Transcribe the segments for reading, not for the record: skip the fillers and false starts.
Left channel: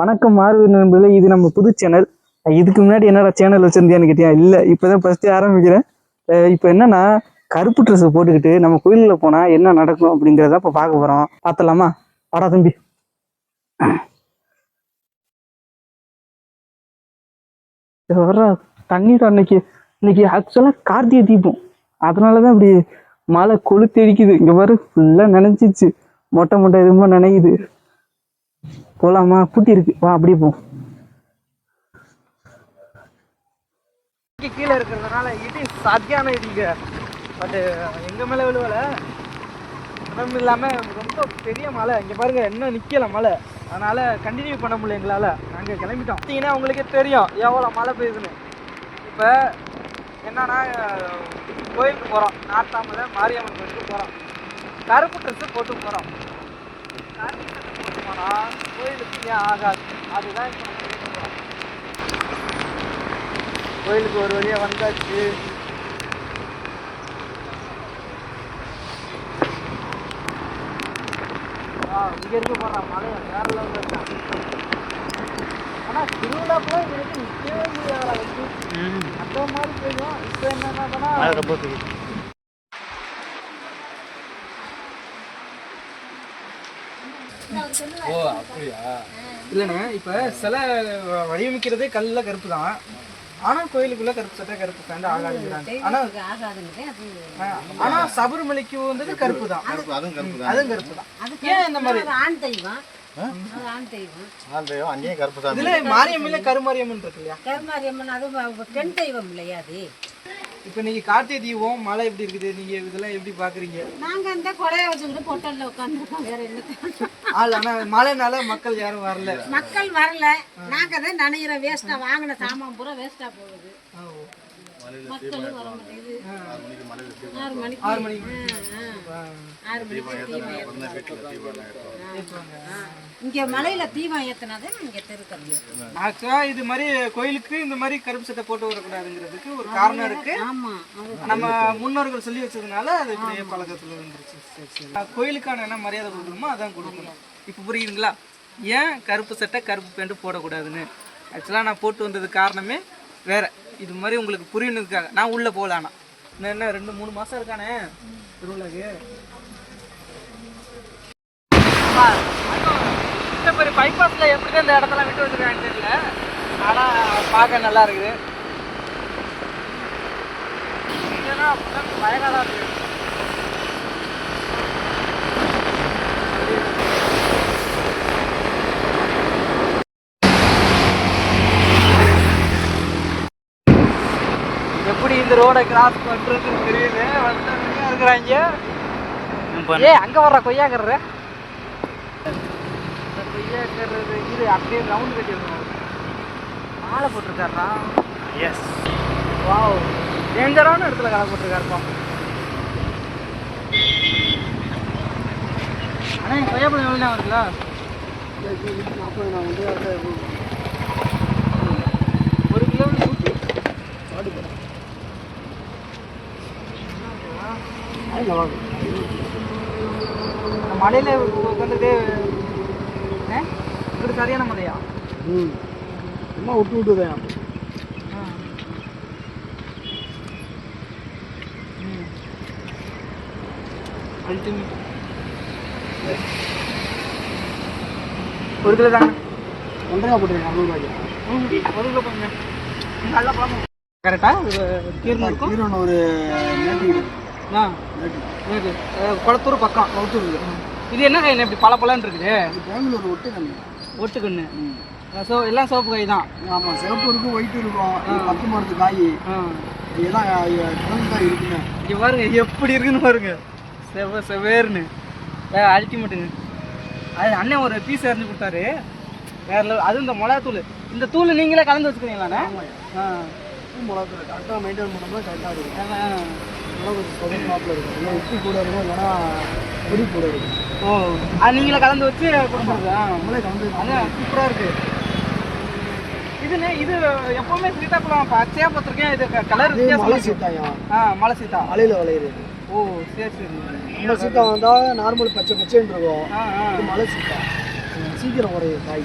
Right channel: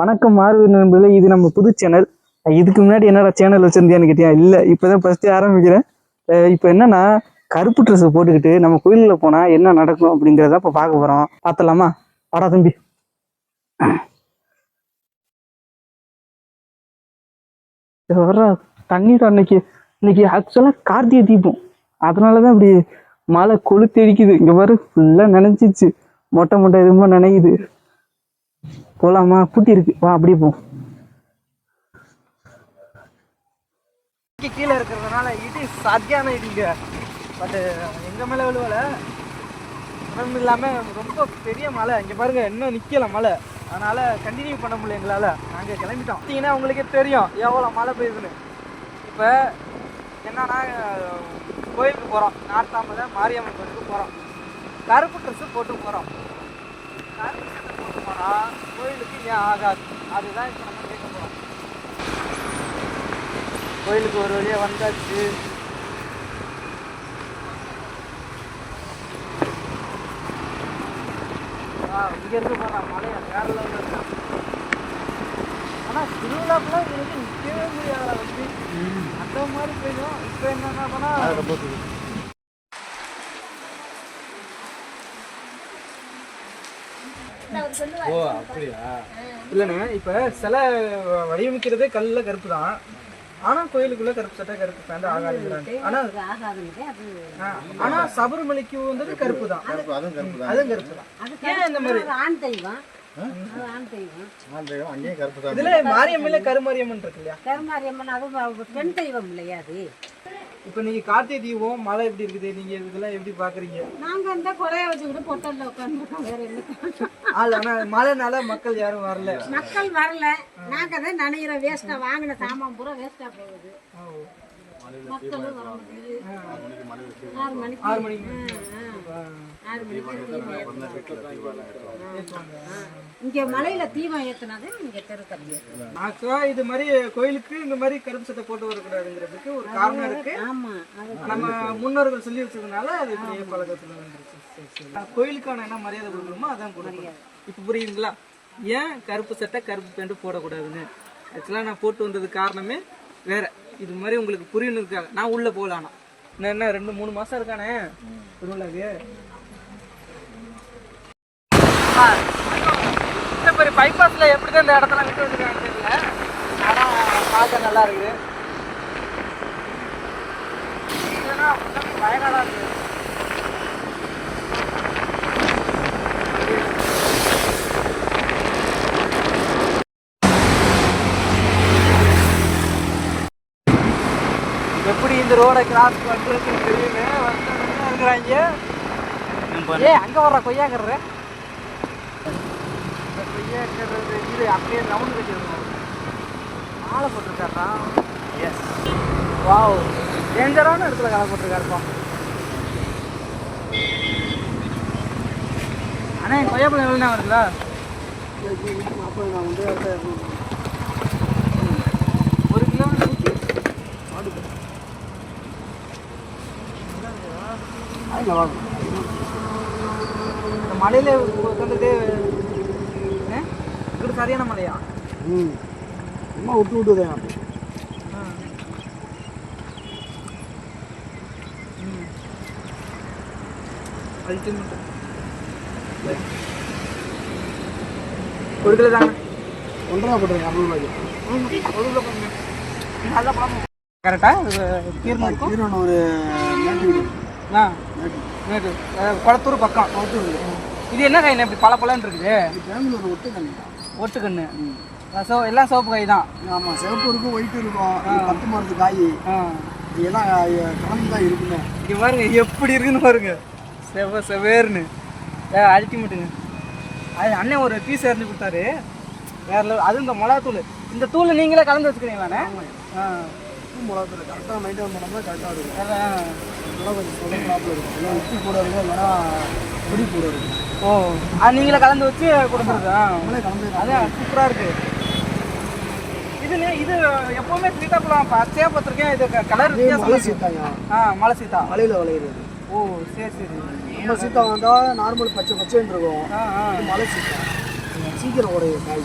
வணக்கம் மாறுவது நண்பர்களே, இது நம்ம புது சேனல். இதுக்கு முன்னாடி என்னடா சேனல் வச்சிருந்தியான்னு கேட்டியா? இல்லை, இப்போதான் ஃபஸ்ட்டு ஆரம்பிக்கிறேன். இப்போ என்னன்னா, கருப்பு ட்ரெஸ் போட்டுக்கிட்டு நம்ம கோயிலில் போனால் என்ன நடக்கும் அப்படிங்கிறத இப்போ பார்க்க போகிறோம். பார்த்தலாமா? வாடா தம்பி. வர்ற தண்ணீர் இன்னைக்கு ஆக்சுவலாக கார்த்திகை தீபம், அதனால தான் இப்படி மழை கொளுத்தடிக்குது. இங்கே வர ஃபுல்லாக நினைச்சிச்சு, மொட்டை எதுவுமா நினைக்குது. போலாமா? பூட்டி இருக்கு, வா அப்படியே போ. கீழே இருக்கிறதுனால இடி சாத்தியான இதுங்க, பட் எங்க மேல விழுவல. அதுவும் இல்லாம ரொம்ப பெரிய மழை. இங்க பாருங்க, இன்னும் நிக்கல மழை, அதனால கண்டினியூ பண்ண முடியல எங்களால. நாங்க கிளம்பிட்டோம். பார்த்தீங்கன்னா உங்களுக்கே தெரியும் எவ்வளோ மழை பெய்யுதுன்னு. இப்போ என்னன்னா, கோயிலுக்கு போகிறோம், நாட்டாமலை மாரியம்மன் கோயிலுக்கு போகிறோம். கருப்பு ட்ரெஸ்ஸு போட்டு போகிறோம். கருப்பு சட்டை போட்டு போனால் கோயிலுக்கு ஏன் ஆகாது, அதுதான் இப்போ நம்ம கேட்க போகிறோம். கோயிலுக்கு ஒரு வழியாக வந்தாச்சு. இங்கே இருக்க போகிறான் மலையை வேற லெவலில் இருக்கான். ஆனால் திருவிழாப்பெல்லாம் இது வரைக்கும் நிற்கவே முடியாத வந்து அந்த மாதிரி போயிடும். இப்போ என்ன பண்ணால் ஓ அப்படியா? இல்லைண்ணே, இப்போ சிலை வடிவமைக்கிறதே கல்லில் கருப்பு தான். ஆனால் கோயிலுக்குள்ளே கருப்பு சட்டை கருப்பு பேண்ட் ஆகாதுங்கிறாங்க. ஆனால் சபரிமலைக்கு வந்தது கருப்பு தான், அதுவும் கருப்பு தான். ஏன் இந்த மாதிரி? ஆண் தெய்வம் அங்கேயும் கருப்பு தான். இதுல மாரியம்மன் கருமாரியம்மன் இருக்கு இல்லையா? கருமாரியம்மன் அது பெண் தெய்வம் இல்லையா? அது இப்போ நீங்க கார்த்திகை தீபம் மழை எப்படி இருக்குது, நீங்க இதெல்லாம் எப்படி பாக்குறீங்க? நாங்க அந்த கொடையை வச்சுக்கிட்டு பொட்டல்ல உட்காந்துருக்கோம், வேற என்ன. ஆனா மழைனால மக்கள் யாரும் வரல. நாங்க தான் நனைகிற வேஸ்டா வாங்கின சாமான் பூரா வேஸ்டா போகுது. மக்களும் வர மாட்டேங்குது. 6 மணிக்கு இங்க மலையில தீபம் ஏத்தினாதே இங்க தெருக்கிறது. ஆக்சுவலா இது மாதிரி கோயிலுக்கு இந்த மாதிரி கருப்பு சட்டை போட்டு வரக்கூடாதுங்கிறதுக்கு ஒரு காரணம் இருக்கு. நம்ம முன்னோர்கள் சொல்லி வச்சதுனால அது இப்படியே பழக்கத்துல இருந்துச்சு. கோயிலுக்கான என்ன மரியாதை கொடுக்கணுமோ அதான் கொடுக்கணும். இப்போ புரியுதுங்களா ஏன் கருப்பு சட்டை கருப்பு பேண்ட் போடக்கூடாதுன்னு? ஆக்சுவலாக நான் போட்டு வந்தது காரணமே வேற. இது மாதிரி உங்களுக்கு புரியணுக்காக நான் உள்ள போகலானா என்ன 2-3 மாசம் இருக்கானே திருவிழாக்கு. பெரிய பைபாஸ்ல எப்படி அந்த இடத்துல விட்டு வந்துருக்காங்க தெரியல, ஆனா பார்க்க நல்லா இருக்குது. வயநாடா இருக்கு. எப்படி இந்த ரோடை கிராஸ் பண்ணுறதுன்னு தெரியல. இருக்கிறாங்க. அங்க வர்ற கொய்யாங்கிறது அப்படியே ரவுண்ட் கட்டிருக்கோம். மாலை போட்டிருக்காருப்பா. எஸ், வாவ், டேஞ்சரான இடத்துல கலை போட்டிருக்காருப்பா. அண்ணா என் கொய்யாப்பழம் எவ்வளோண்ணா வருங்களா? 40 நான் வந்து 1 கிலோ 100 ஆடு மலையில உட்காந்துட்டு இப்படி சரியான மலையா? சும்மா விட்டுதான். அல்டிமேட். 1 கிலோ தாங்க, 1.5 போட்டுருங்க. 60 ரூபாய்க்கு 1 கிலோ பண்ணுங்க. நல்லா பழம் கரெக்டா? கீரன் ஒரு நேற்று குளத்தூர் பக்கம் குளத்தூர். இது என்ன காய் இப்படி பல பழன்னு இருக்குது? பெங்களூர் ஒட்டுக்கண்ணு. எல்லாம் சிவப்பு காய் தான். ஆமாம், சிவப்பு இருக்கும், ஒயிட்டு இருக்கும். 10 மரத்து காய் எல்லாம் கலந்து தான் இருக்குங்க. இங்கே பாருங்க எப்படி இருக்குன்னு பாருங்க, செவேர்னு அல்டிமேட்டுங்க. அது அண்ணன் ஒரு பீஸ் இருந்து கொடுத்தாரு வேற. அதுவும் இந்த மிளகாத்தூள், இந்த தூள் நீங்களே கலந்து வச்சுக்கிறீங்களாண்ணே? மிளகாத்தூள் கரெக்டாக மெயின்டைன் பண்ணோம்னா கரெக்டாக இருக்கும். அதனால் கொஞ்சம் சொதப்பாப்பில் இருக்கும். இல்லை உப்பு கூட இருக்கும், இல்லைன்னா பொடி கூட இருக்கும். ஓ, அது நீங்களே கலந்து வச்சு கொடுக்குறது? நம்மளே கலந்து. அதான் சூப்பராக இருக்குது. இது எப்போவுமே சீத்தாப்பழம் பச்சையாக பார்த்துருக்கேன். இது கலர் மலை சீத்தாயா? மலை சீத்தா மலையில் விளையிறது. ஓ சரி சரி. நம்ம சீத்தா வந்தால் நார்மல் பச்சை பச்சைன்னு இருக்கும். மலை சீத்தா சீக்கிரம் உடைய காய்.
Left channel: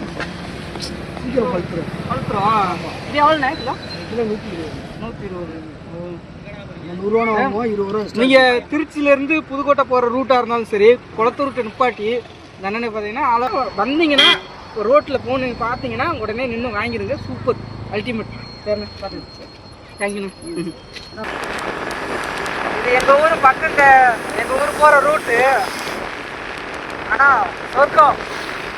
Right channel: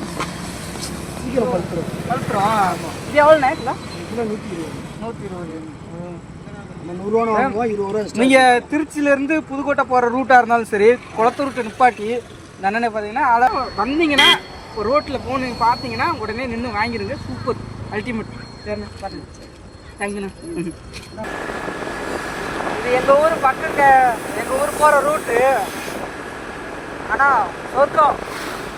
சீக்கிரம் பழுத்துரும். ஆமாம். இது எவ்வளோண்ணே கிலோ? கிலோ 120. 120. நம்ம 100 ரூபா வாங்குவோம், 20 ரூபா. நீங்கள் திருச்சியிலேருந்து புதுக்கோட்டை போகிற ரூட்டாக இருந்தாலும் சரி, குளத்தூர்கிட்ட நிப்பாட்டி என்னென்ன பார்த்தீங்கன்னா அதை வந்தீங்கன்னா ஒரு ரோட்டில் போகணும் பார்த்தீங்கன்னா உடனே நின்று வாங்கிடுங்க. Super ultimate. சரிண்ணே, பார்த்துங்க. தேங்க்யூண்ணா. இது எங்கள் ஊர் பக்கங்க, எங்கள் ஊர் போகிற ரூட்டு. ஆனால் சொர்க்கம்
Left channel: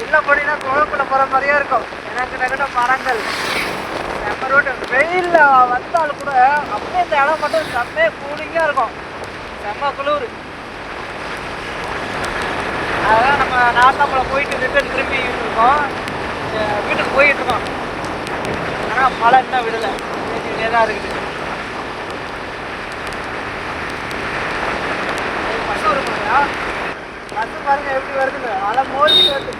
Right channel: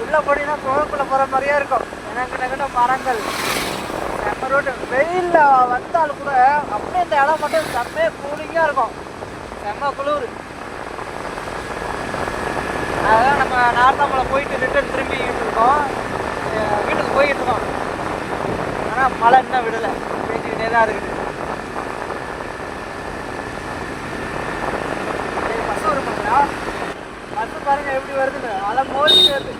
உள்ளே போனீங்கன்னா குளக்குள்ளே போகிற மாதிரியே இருக்கும். எனக்கு மரங்கள் அந்த ரோட்டு வெயிலில் வந்தாலும் கூட அப்படியே இந்த இடம் மட்டும் செம்மையாக கூலிங்காக இருக்கும். செம்ம குளிர். அதெல்லாம் நம்ம நார்த்தாமலை போயிட்டு ரிட்டர்ன் திரும்பி இருக்கோம், வீட்டுக்கு போயிட்டு இருக்கோம். ஆனால் மழை இன்னும் விடலை, பேசிக்கிட்டே தான் இருக்குது. பஸ் வரும், பஸ் பாருங்க எப்படி வருதுன்னு. அலை மோதி வருது.